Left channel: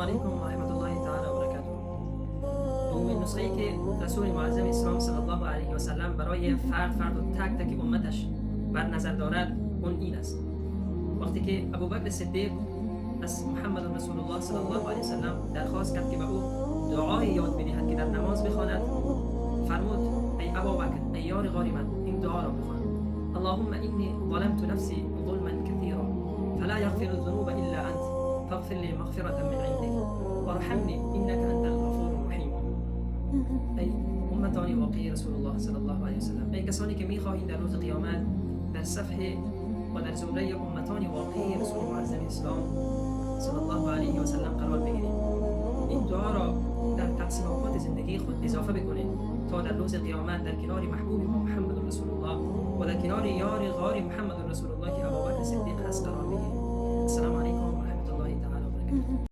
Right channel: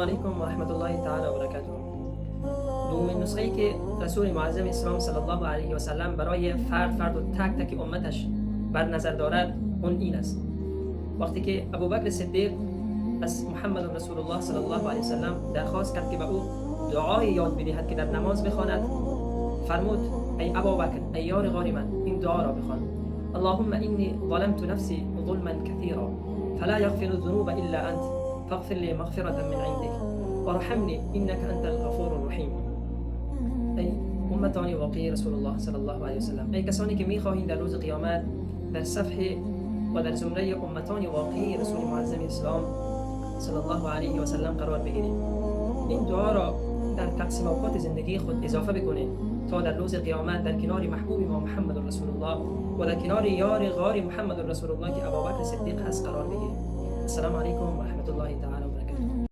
علیکم و رحمت الله تعالی و برکاته. دومین نسخه‌ای که رسول معظم اسلام صلی الله علیه و سلم برای فرد و تک تک امتش بر نظر دارد اون این است. وقتی که ابوبکر صدیق از محمد رسول الله صلی الله علیه و سلم درخواست کرد که به او دعای یاد بدهد که در نماز بخواند، فرمود ای ابوبکر، ای یار غار من، این دعا را بخوان: اللهم انی ظلمت نفسی ظلما كثيرا فلا يغفر الذنوب الا انت فاغفر لي مغفرة من عندك وارحمني انك انت الغفور الرحیم. ای امتان واقعی رسول الله صلی الله علیه و سلم، ای کسانی که میخواهید در روز قیامت در صفحه و در زمره امتان واقعی رسول معظم اسلام صلی الله علیه و سلم قرار بگیرید، این دعا را در تقسیم اوقات زندگی خود اضافه بکنید تا در روز قیامت در کنار محبوب ما محمد رسول الله و در کنار یار غار محمد رسول الله که ابوبکر صدیق هست قرار بگیرید. السلام علیکم و رحمت الله تعالی و برکاته.